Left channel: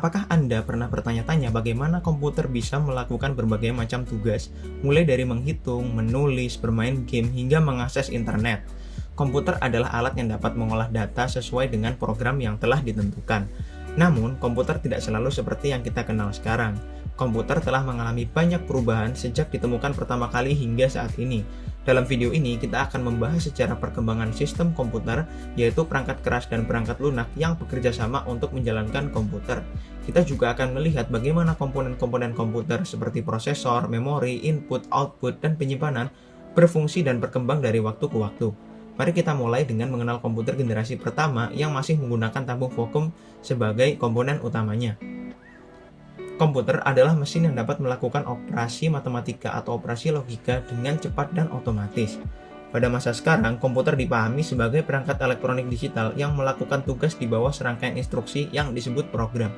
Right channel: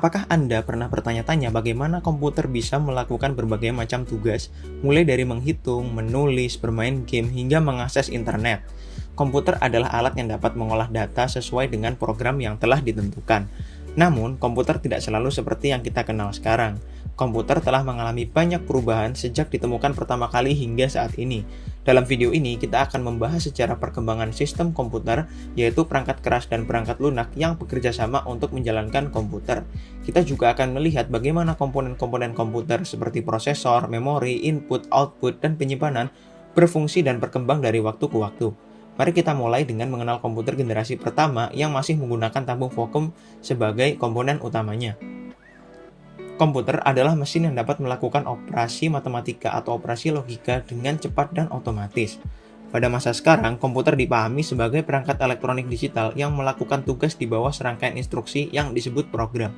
Apakah Anda pernah bertanya-tanya bagaimana komputer bisa melakukan berbagai macam tugas, mulai dari menghitung, menulis, bermain game, hingga mengakses internet? Komputer adalah alat yang dapat mengolah data sesuai dengan program yang telah ditentukan. Namun, komputer tidak selalu seperti yang kita kenal sekarang. Komputer telah mengalami banyak perubahan sejak ditemukan pertama kali hingga saat ini. Dalam video ini, kita akan membahas sejarah perkembangan sistem komputer, yaitu perangkat keras dan perangkat lunak yang bekerja sama untuk menjalankan komputer. Kita juga akan melihat bagaimana komponen-komponen komputer seperti prosesor, memori, input, output, dan penyimpanan berfungsi dan berkembang dari waktu ke waktu. Mari kita mulai dengan mengenal komputer generasi pertama yang masih menggunakan tabung vakum sebagai komponen utamanya. Komputer adalah mesin yang dapat melakukan operasi matematika atau operasi logika dengan cepat dan otomatis. Pada masa sekarang, komputer dipahami sebagai perangkat elektronik digital yang melakukan tugas di bawah serangkaian instruksi yang disebut program.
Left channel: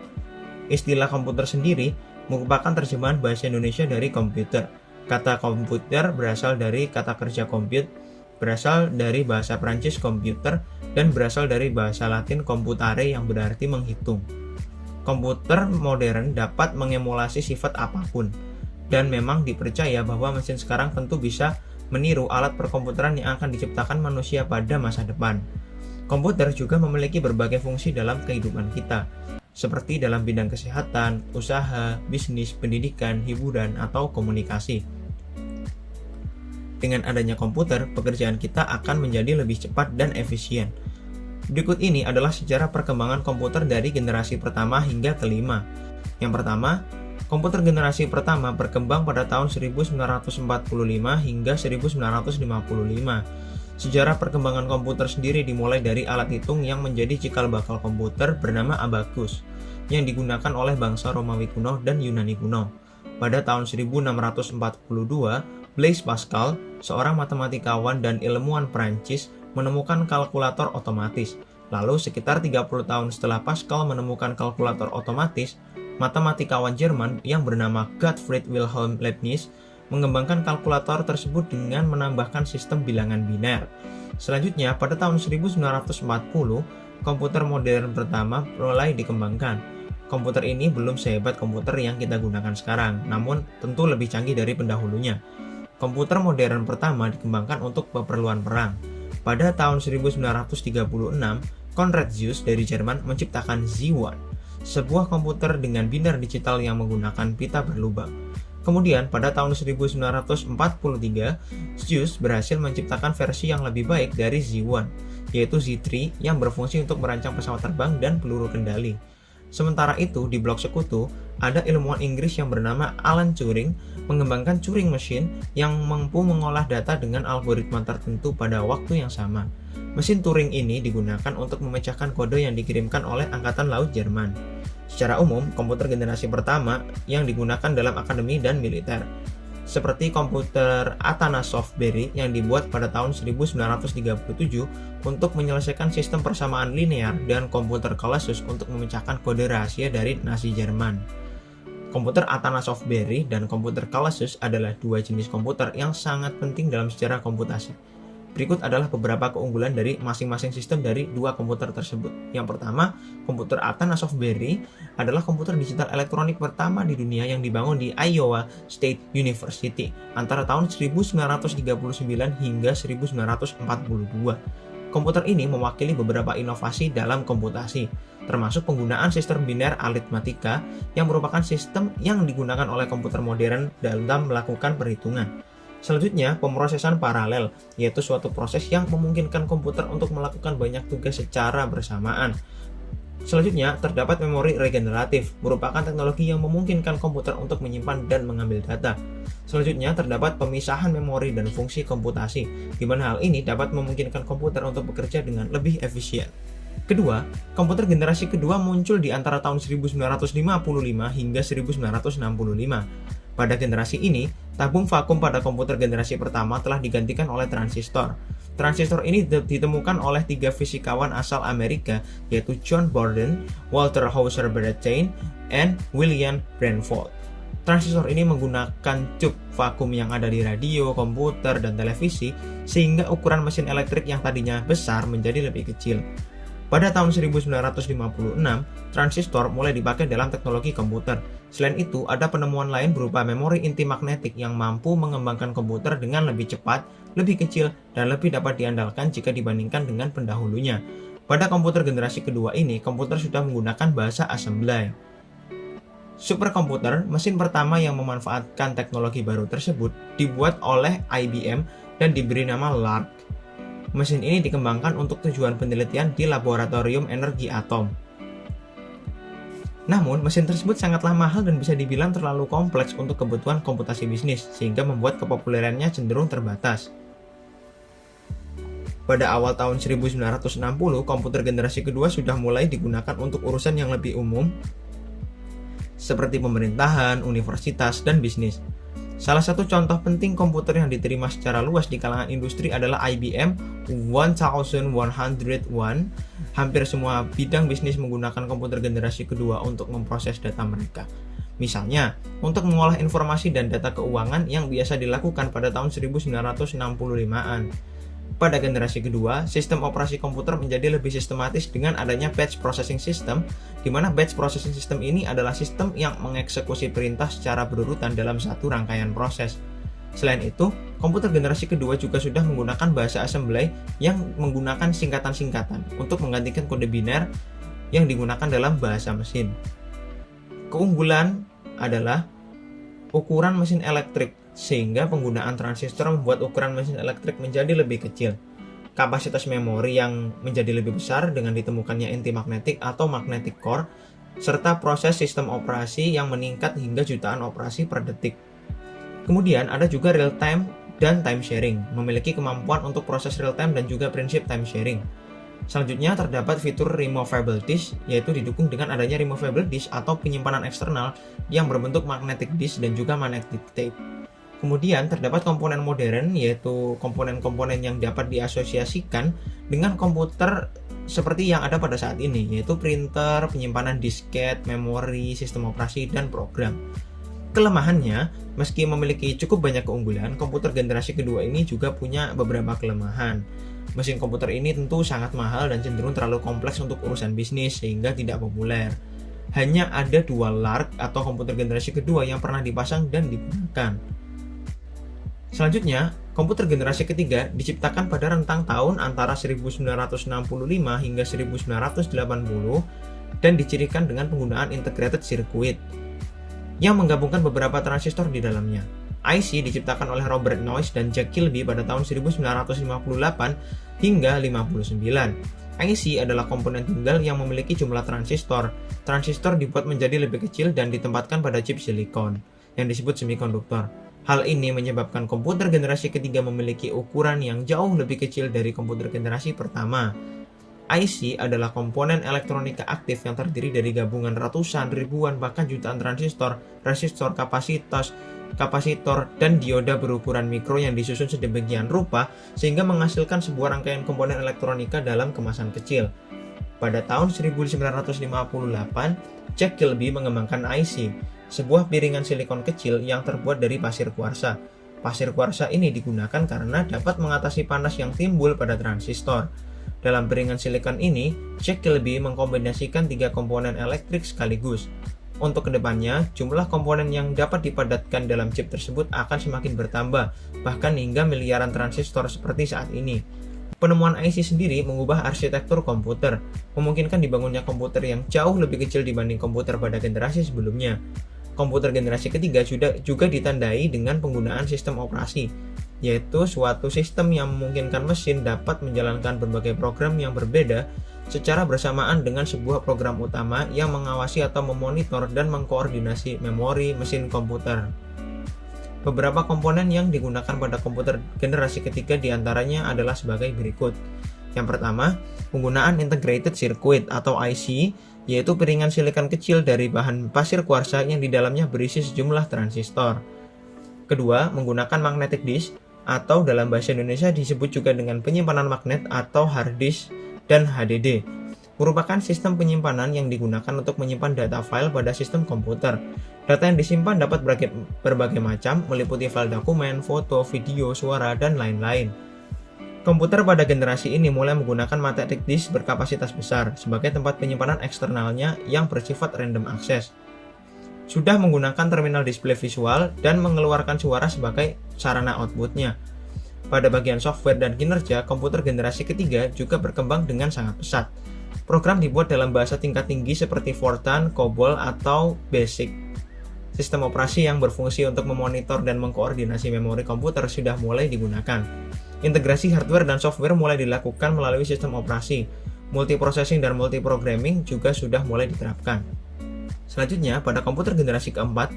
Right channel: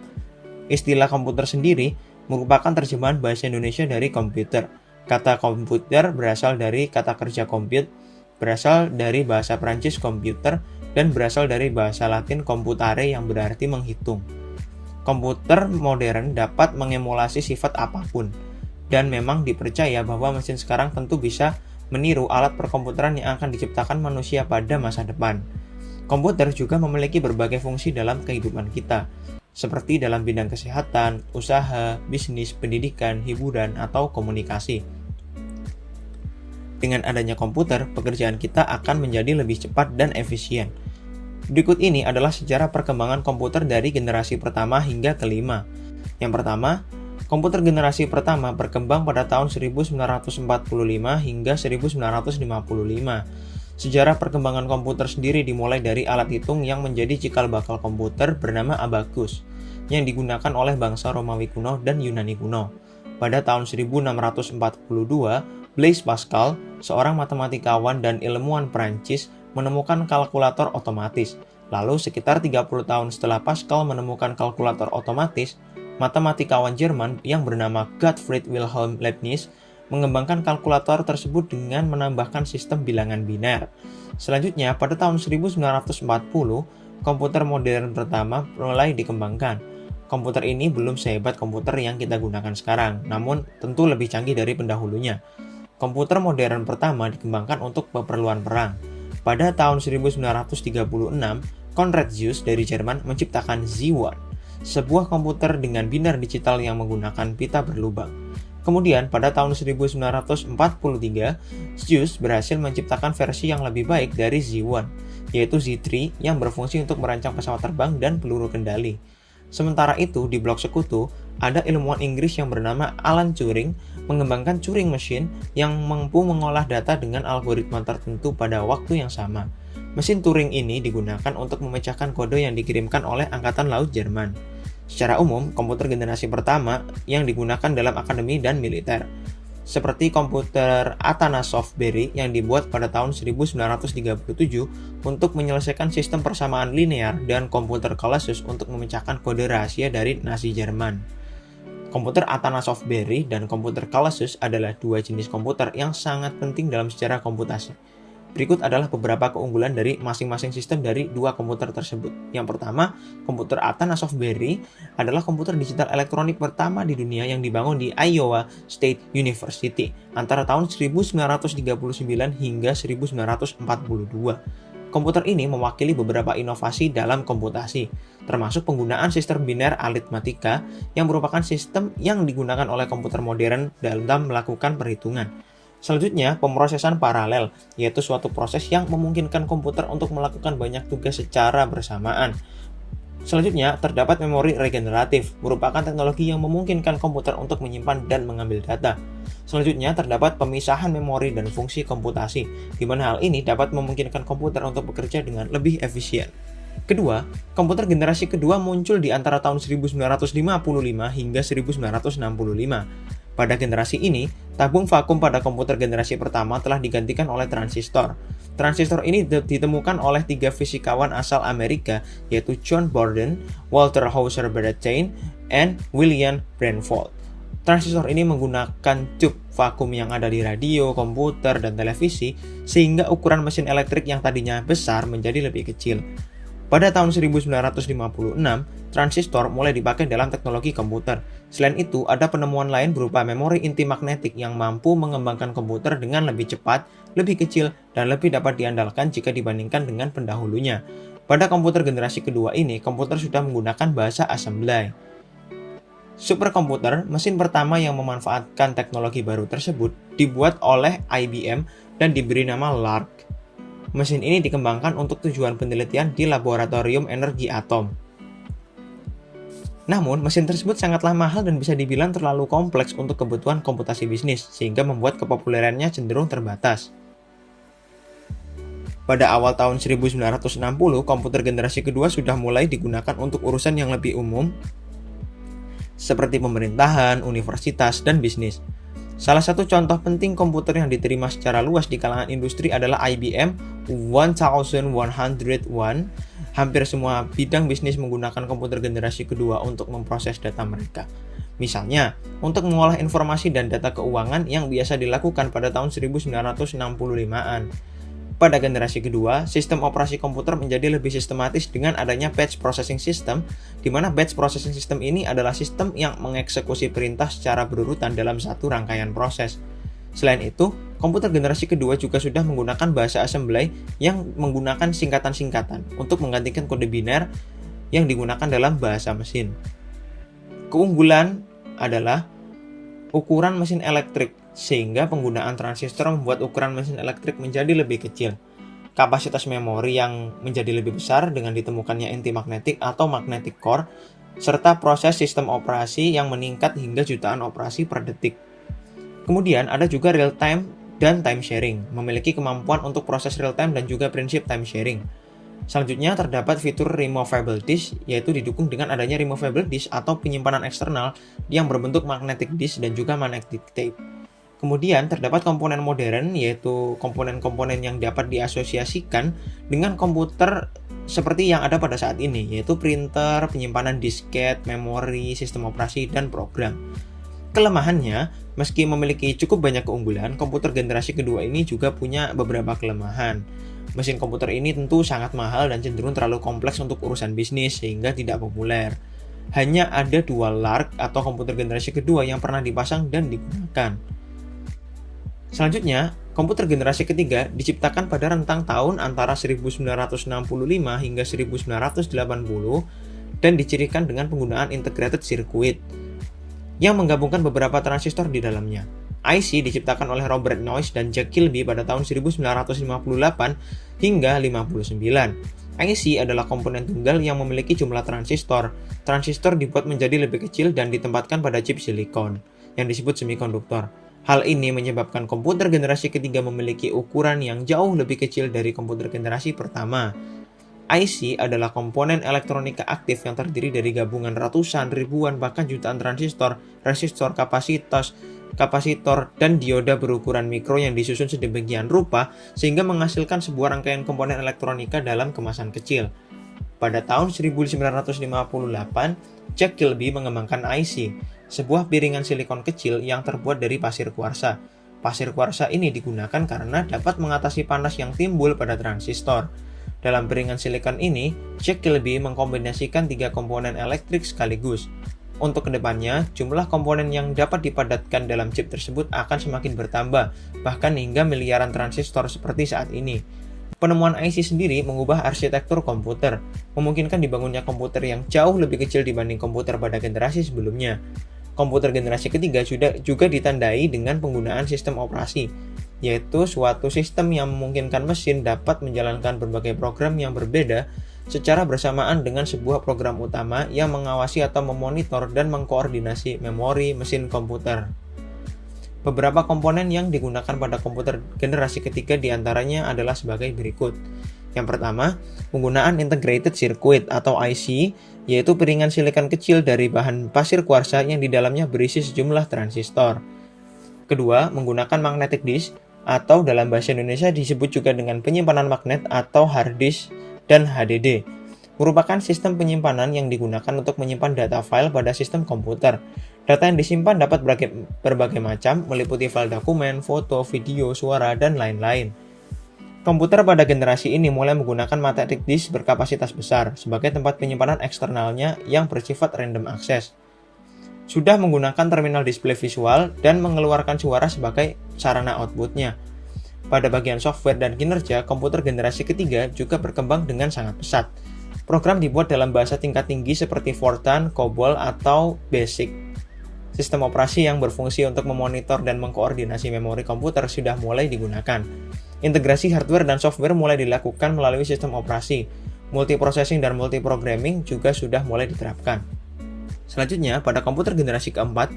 Istilah komputer sendiri merupakan terjemahan bahasa Indonesia dari komputer. Kata komputer berasal dari kata kerja compute, berasal dari bahasa Prancis computer, dan berasal dari bahasa Latin computare yang berarti menghitung. Komputer modern dapat mengemulasi sifat apapun, dan memang dipercaya bahwa mesin sekarang tentu bisa meniru alat perkomputeran yang akan diciptakan manusia pada masa depan. Komputer juga memiliki berbagai fungsi dalam kehidupan kita, seperti dalam bidang kesehatan, usaha, bisnis, pendidikan, hiburan, atau komunikasi. Dengan adanya komputer, pekerjaan kita akan menjadi lebih cepat dan efisien. Berikut ini adalah sejarah perkembangan komputer dari generasi pertama hingga kelima. Yang pertama, komputer generasi pertama berkembang pada tahun 1945 hingga 1955. Sejarah perkembangan komputer sendiri dimulai dari alat hitung yang menjadi cikal bakal komputer bernama abacus, yang digunakan oleh bangsa Romawi kuno dan Yunani kuno. Pada tahun 1642, Blaise Pascal, seorang matematikawan dan ilmuwan Prancis, menemukan kalkulator otomatis. Lalu sekitar 30 tahun setelah Pascal menemukan kalkulator otomatis, matematikawan Jerman yang bernama Gottfried Wilhelm Leibniz mengembangkan kalkulator tersebut dengan menambahkan sistem bilangan biner. Selanjutnya, pada tahun 1940, komputer modern pertama mulai dikembangkan. Komputer ini belum sehebat komputer yang kita gunakan sekarang, namun tentu lebih canggih dari pendahulunya. Komputer modern pertama dikembangkan untuk keperluan perang. Pada tahun 1936, Konrad Zuse dari Jerman menciptakan Z1, sebuah komputer dengan biner digital yang menggunakan pita berlubang. Kemudian, pada tahun 1943, Zuse berhasil menciptakan versi yang lebih baik dari Z1, yaitu Z3 yang berfungsi untuk merancang pesawat terbang dan peluru kendali. Sementara itu, di blok sekutu, ada ilmuwan Inggris yang bernama Alan Turing mengembangkan Turing Machine yang mampu mengolah data dengan algoritma tertentu pada waktu yang sama. Mesin Turing ini digunakan untuk memecahkan kode yang dikirimkan oleh Angkatan Laut Jerman. Secara umum, komputer generasi pertama yang digunakan dalam akademi dan militer, seperti komputer Atanasoff Berry yang dibuat pada tahun 1937 untuk menyelesaikan sistem persamaan linear, dan komputer Colossus untuk memecahkan kode rahasia dari Nazi Jerman. Komputer Atanasoff Berry dan komputer Colossus adalah dua jenis komputer yang sangat penting dalam sejarah komputasi. Berikut adalah beberapa keunggulan dari masing-masing sistem dari dua komputer tersebut. Yang pertama, komputer Atanasoff Berry adalah komputer digital elektronik pertama di dunia yang dibangun di Iowa State University antara tahun 1939 hingga 1942. Komputer ini mewakili beberapa inovasi dalam komputasi, termasuk penggunaan sistem biner aritmatika yang merupakan sistem yang digunakan oleh komputer modern dalam melakukan perhitungan. Selanjutnya, pemrosesan paralel, yaitu suatu proses yang memungkinkan komputer untuk melakukan banyak tugas secara bersamaan. Selanjutnya, terdapat memori regeneratif, merupakan teknologi yang memungkinkan komputer untuk menyimpan dan mengambil data. Selanjutnya, terdapat pemisahan memori dan fungsi komputasi, di mana hal ini dapat memungkinkan komputer untuk bekerja dengan lebih efisien. Kedua, komputer generasi kedua muncul di antara tahun 1955 hingga 1965. Pada generasi ini, tabung vakum pada komputer generasi pertama telah digantikan oleh transistor. Transistor ini ditemukan oleh tiga fisikawan asal Amerika, yaitu John Borden, Walter Hauser Bradtain, dan William Branford. Transistor ini menggunakan tube vakum yang ada di radio, komputer, dan televisi, sehingga ukuran mesin elektrik yang tadinya besar menjadi lebih kecil. Pada tahun 1956, transistor mulai dipakai dalam teknologi komputer. Selain itu, ada penemuan lain berupa memori inti magnetik yang mampu mengembangkan komputer dengan lebih cepat, lebih kecil, dan lebih dapat diandalkan jika dibandingkan dengan pendahulunya. Pada komputer generasi kedua ini, komputer sudah menggunakan bahasa assembly. Superkomputer, mesin pertama yang memanfaatkan teknologi baru tersebut, dibuat oleh IBM dan diberi nama LARC. Mesin ini dikembangkan untuk tujuan penelitian di laboratorium energi atom. Namun, mesin tersebut sangatlah mahal dan bisa dibilang terlalu kompleks untuk kebutuhan komputasi bisnis, sehingga membuat kepopulerannya cenderung terbatas. Pada awal tahun 1960, komputer generasi kedua sudah mulai digunakan untuk urusan yang lebih umum, seperti pemerintahan, universitas, dan bisnis. Salah satu contoh penting komputer yang diterima secara luas di kalangan industri adalah IBM 1101. Hampir semua bidang bisnis menggunakan komputer generasi kedua untuk memproses data mereka. Misalnya, untuk mengolah informasi dan data keuangan yang biasa dilakukan pada tahun 1965-an. Pada generasi kedua, sistem operasi komputer menjadi lebih sistematis dengan adanya batch processing system, di mana batch processing system ini adalah sistem yang mengeksekusi perintah secara berurutan dalam satu rangkaian proses. Selain itu, komputer generasi kedua juga sudah menggunakan bahasa assembly yang menggunakan singkatan-singkatan untuk menggantikan kode biner yang digunakan dalam bahasa mesin. Keunggulan adalah ukuran mesin elektrik, sehingga penggunaan transistor membuat ukuran mesin elektrik menjadi lebih kecil. Kapasitas memori yang menjadi lebih besar dengan ditemukannya inti magnetik atau magnetic core, serta proses sistem operasi yang meningkat hingga jutaan operasi per detik. Kemudian ada juga real time dan time sharing, memiliki kemampuan untuk proses real time dan juga prinsip time sharing. Selanjutnya terdapat fitur removable disk, yaitu didukung dengan adanya removable disk atau penyimpanan eksternal yang berbentuk magnetic disk dan juga magnetic tape. Kemudian terdapat komponen modern, yaitu komponen-komponen yang dapat diasosiasikan dengan komputer seperti yang ada pada saat ini, yaitu printer, penyimpanan disket, memori, sistem operasi, dan program. Kelemahannya, meski memiliki cukup banyak keunggulan, komputer generasi kedua ini juga punya beberapa kelemahan. Mesin komputer ini tentu sangat mahal dan cenderung terlalu kompleks untuk urusan bisnis sehingga tidak populer. Hanya ada 2 LARC atau komputer generasi kedua yang pernah dipasang dan digunakan. Selanjutnya, komputer generasi ketiga diciptakan pada rentang tahun antara 1965 hingga 1980 dan dicirikan dengan penggunaan integrated circuit yang menggabungkan beberapa transistor di dalamnya. IC diciptakan oleh Robert Noyce dan Jack Kilby pada tahun 1958 hingga 59. IC adalah komponen tunggal yang memiliki jumlah transistor. Transistor dibuat menjadi lebih kecil dan ditempatkan pada chip silikon yang disebut semikonduktor. Hal ini menyebabkan komputer generasi ketiga memiliki ukuran yang jauh lebih kecil dari komputer generasi pertama. IC adalah komponen elektronika aktif yang terdiri dari gabungan ratusan, ribuan, bahkan jutaan transistor, resistor, kapasitor, dan dioda berukuran mikro yang disusun sedemikian rupa sehingga menghasilkan sebuah rangkaian komponen elektronika dalam kemasan kecil. Pada tahun 1958, Jack Kilby mengembangkan IC, sebuah piringan silikon kecil yang terbuat dari pasir kuarsa. Pasir kuarsa ini digunakan karena dapat mengatasi panas yang timbul pada transistor. Dalam piringan silikon ini, Jack Kilby mengkombinasikan 3 komponen elektrik sekaligus. Untuk kedepannya, jumlah komponen yang dapat dipadatkan dalam chip tersebut akan semakin bertambah, bahkan hingga miliaran transistor seperti saat ini. Penemuan IC sendiri mengubah arsitektur komputer, memungkinkan dibangunnya komputer yang jauh lebih kecil dibanding komputer pada generasi sebelumnya. Komputer generasi ketiga juga ditandai dengan penggunaan sistem operasi, yaitu suatu sistem yang memungkinkan mesin dapat menjalankan berbagai program yang berbeda secara bersamaan dengan sebuah program utama yang mengawasi atau memonitor dan mengkoordinasi memori mesin komputer. Beberapa komponen yang digunakan pada komputer generasi ketiga diantaranya adalah sebagai berikut. Yang pertama, penggunaan integrated circuit atau IC, yaitu piringan silikon kecil dari bahan pasir kuarsa yang di dalamnya berisi sejumlah transistor. Kedua, menggunakan magnetic disk, atau dalam bahasa Indonesia disebut juga dengan penyimpanan magnet atau hard disk dan HDD, merupakan sistem penyimpanan yang digunakan untuk menyimpan data file pada sistem komputer. Data yang disimpan dapat berbagai macam, meliputi file dokumen, foto, video, suara, dan lain-lain. Komputer pada generasi ini mulai menggunakan magnetic disk berkapasitas besar sebagai tempat penyimpanan eksternalnya yang bersifat random access. Sudah menggunakan terminal display visual dan mengeluarkan suara sebagai sarana outputnya. Pada bagian software dan kinerja, komputer generasi ketiga juga berkembang dengan sangat pesat. Program dibuat dalam bahasa tingkat tinggi seperti Fortran, COBOL, atau BASIC. Sistem operasi yang berfungsi untuk memonitor dan mengkoordinasi memori komputer sudah mulai digunakan. Integrasi hardware dan software mulai dilakukan melalui sistem operasi. Multiprocessing dan multiprogramming juga sudah mulai diterapkan. Selanjutnya, pada komputer generasi keempat,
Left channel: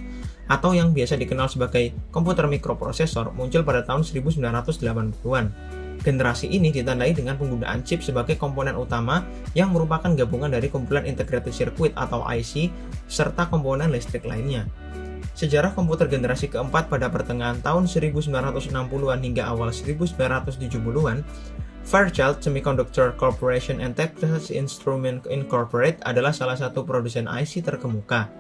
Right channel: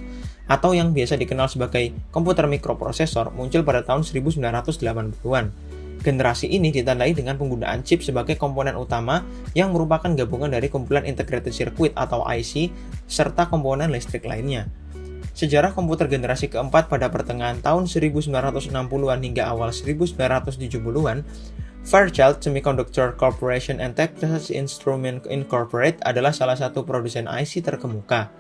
atau yang biasa dikenal sebagai komputer mikroprosesor, muncul pada tahun 1980-an. Generasi ini ditandai dengan penggunaan chip sebagai komponen utama yang merupakan gabungan dari kumpulan integrated circuit atau IC serta komponen listrik lainnya. Sejarah komputer generasi keempat pada pertengahan tahun 1960-an hingga awal 1970-an, Fairchild Semiconductor Corporation and Texas Instruments Incorporated adalah salah satu produsen IC terkemuka.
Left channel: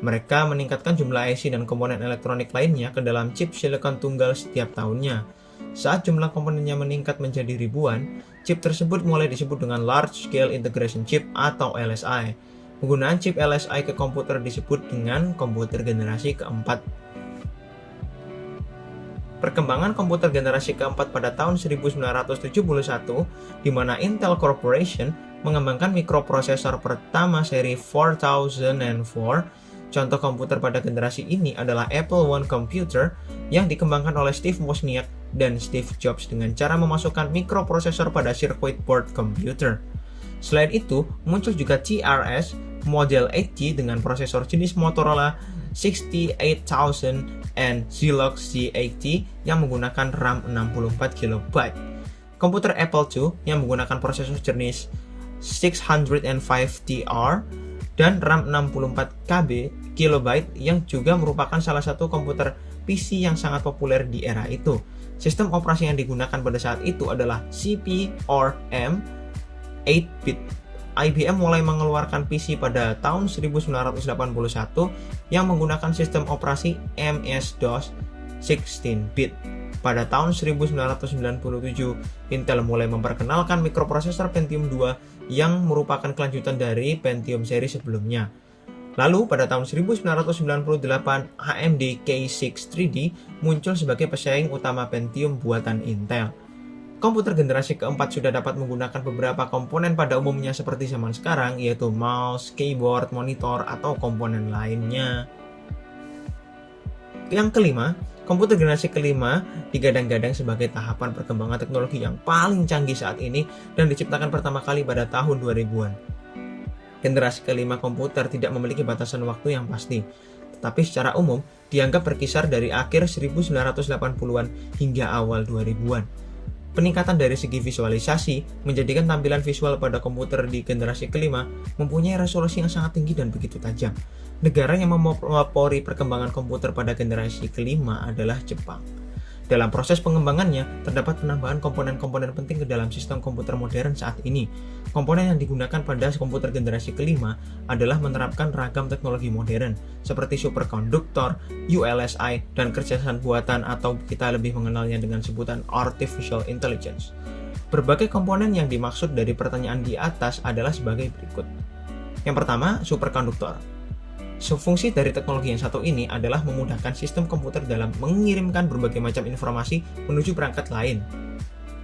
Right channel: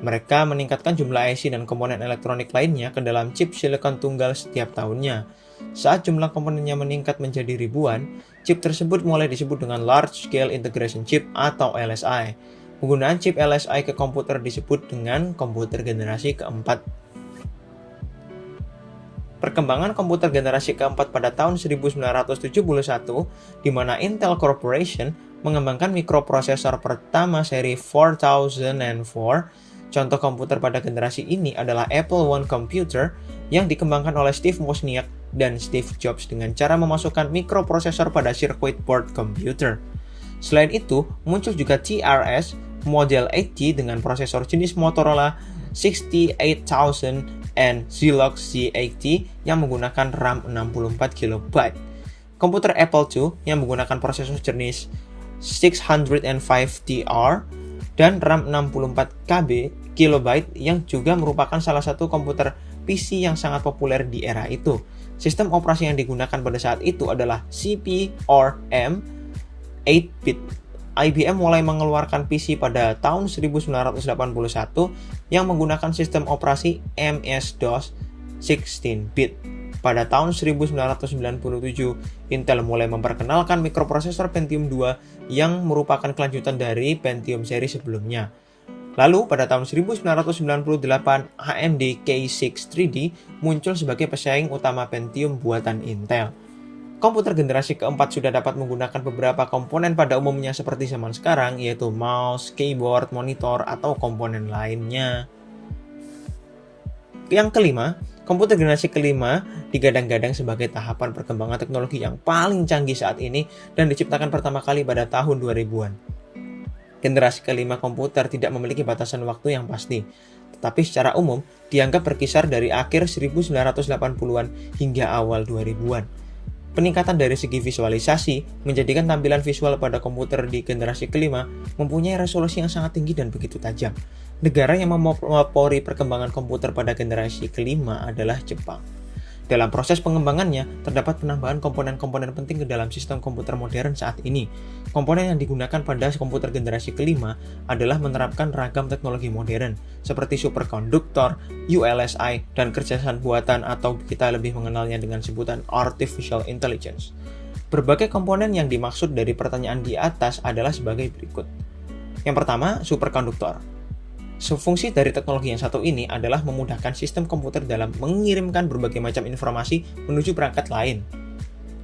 Mereka meningkatkan jumlah IC dan komponen elektronik lainnya ke dalam chip silikon tunggal setiap tahunnya. Saat jumlah komponennya meningkat menjadi ribuan, chip tersebut mulai disebut dengan Large Scale Integration Chip atau LSI. Penggunaan chip LSI ke komputer disebut dengan komputer generasi keempat. Perkembangan komputer generasi keempat pada tahun 1971, di mana Intel Corporation mengembangkan mikroprosesor pertama seri 4004. Contoh komputer pada generasi ini adalah Apple I Computer yang dikembangkan oleh Steve Wozniak dan Steve Jobs dengan cara memasukkan mikroprosesor pada circuit board komputer. Selain itu, muncul juga TRS model 8G dengan prosesor jenis Motorola 68000 and Zilog Z80 yang menggunakan RAM 64GB. Komputer Apple II yang menggunakan prosesor jenis 605DR dan RAM 64KB yang juga merupakan salah satu komputer PC yang sangat populer di era itu. Sistem operasi yang digunakan pada saat itu adalah CP/M 8-bit. IBM mulai mengeluarkan PC pada tahun 1981 yang menggunakan sistem operasi MS-DOS 16-bit. Pada tahun 1997, Intel mulai memperkenalkan mikroprosesor Pentium II yang merupakan kelanjutan dari Pentium seri sebelumnya. Lalu pada tahun 1998, AMD K6 3D muncul sebagai pesaing utama Pentium buatan Intel. Komputer generasi keempat sudah dapat menggunakan beberapa komponen pada umumnya seperti zaman sekarang, yaitu mouse, keyboard, monitor, atau komponen lainnya. Yang kelima, komputer generasi kelima digadang-gadang sebagai tahapan perkembangan teknologi yang paling canggih saat ini dan diciptakan pertama kali pada tahun 2000-an. Generasi kelima komputer tidak memiliki batasan waktu yang pasti, tetapi secara umum dianggap berkisar dari akhir 1980-an hingga awal 2000-an. Peningkatan dari segi visualisasi menjadikan tampilan visual pada komputer di generasi kelima mempunyai resolusi yang sangat tinggi dan begitu tajam. Negara yang memelopori perkembangan komputer pada generasi kelima adalah Jepang. Dalam proses pengembangannya, terdapat penambahan komponen-komponen penting ke dalam sistem komputer modern saat ini. Komponen yang digunakan pada komputer generasi kelima adalah menerapkan ragam teknologi modern, seperti superkonduktor, ULSI, dan kecerdasan buatan atau kita lebih mengenalnya dengan sebutan Artificial Intelligence. Berbagai komponen yang dimaksud dari pertanyaan di atas adalah sebagai berikut. Yang pertama, superkonduktor. Fungsi dari teknologi yang satu ini adalah memudahkan sistem komputer dalam mengirimkan berbagai macam informasi menuju perangkat lain.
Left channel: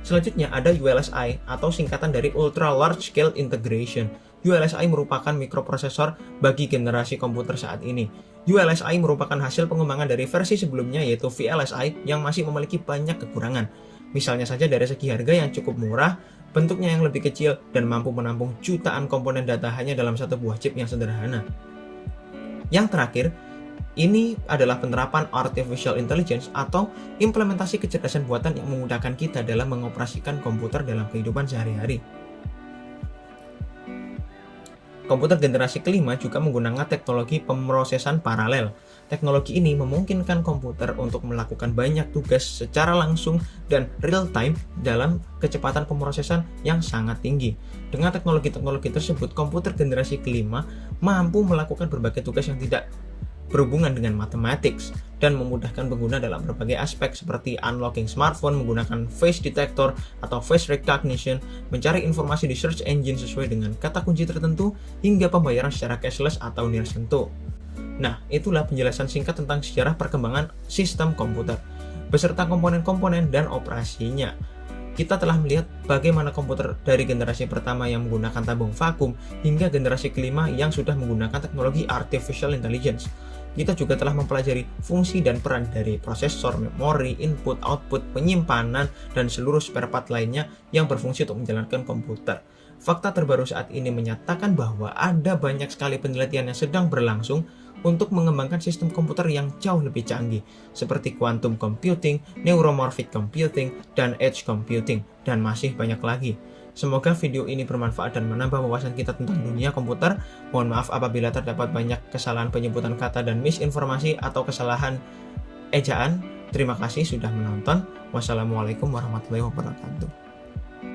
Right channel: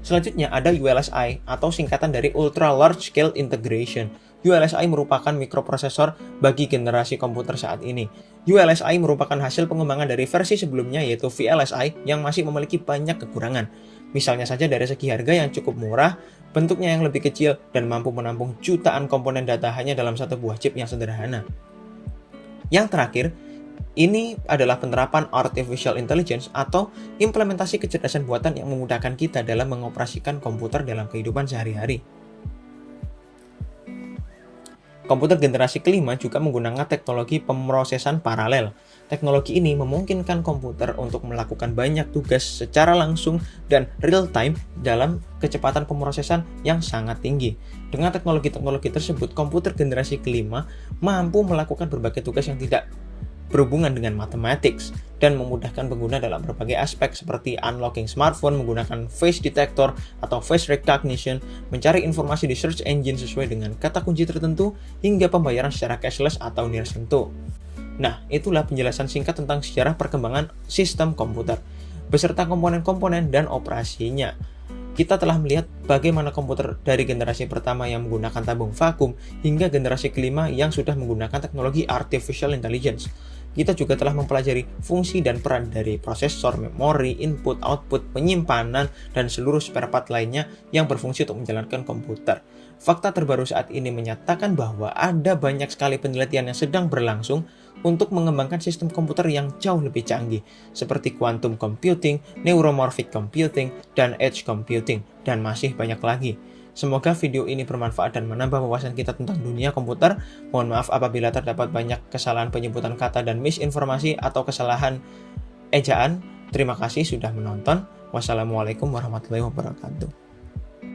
Selanjutnya ada ULSI atau singkatan dari Ultra Large Scale Integration. ULSI merupakan mikroprosesor bagi generasi komputer saat ini. ULSI merupakan hasil pengembangan dari versi sebelumnya yaitu VLSI yang masih memiliki banyak kekurangan. Misalnya saja dari segi harga yang cukup murah, bentuknya yang lebih kecil, dan mampu menampung jutaan komponen data hanya dalam satu buah chip yang sederhana. Yang terakhir, ini adalah penerapan Artificial Intelligence atau implementasi kecerdasan buatan yang memudahkan kita dalam mengoperasikan komputer dalam kehidupan sehari-hari. Komputer generasi kelima juga menggunakan teknologi pemrosesan paralel. Teknologi ini memungkinkan komputer untuk melakukan banyak tugas secara langsung dan real-time dalam kecepatan pemrosesan yang sangat tinggi. Dengan teknologi-teknologi tersebut, komputer generasi kelima mampu melakukan berbagai tugas yang tidak berhubungan dengan mathematics dan memudahkan pengguna dalam berbagai aspek seperti unlocking smartphone menggunakan face detector atau face recognition, mencari informasi di search engine sesuai dengan kata kunci tertentu, hingga pembayaran secara cashless atau nirsentuh. Nah, itulah penjelasan singkat tentang sejarah perkembangan sistem komputer, beserta komponen-komponen dan operasinya. Kita telah melihat bagaimana komputer dari generasi pertama yang menggunakan tabung vakum hingga generasi kelima yang sudah menggunakan teknologi artificial intelligence. Kita juga telah mempelajari fungsi dan peran dari prosesor, memori, input, output, penyimpanan, dan seluruh spare part lainnya yang berfungsi untuk menjalankan komputer. Fakta terbaru saat ini menyatakan bahwa ada banyak sekali penelitian yang sedang berlangsung untuk mengembangkan sistem komputer yang jauh lebih canggih, seperti quantum computing, neuromorphic computing, dan edge computing, dan masih banyak lagi. Semoga video ini bermanfaat dan menambah wawasan kita tentang dunia komputer. Mohon maaf apabila terdapat banyak kesalahan penyebutan kata dan misinformasi atau kesalahan ejaan. Terima kasih sudah menonton. Wassalamualaikum warahmatullahi wabarakatuh.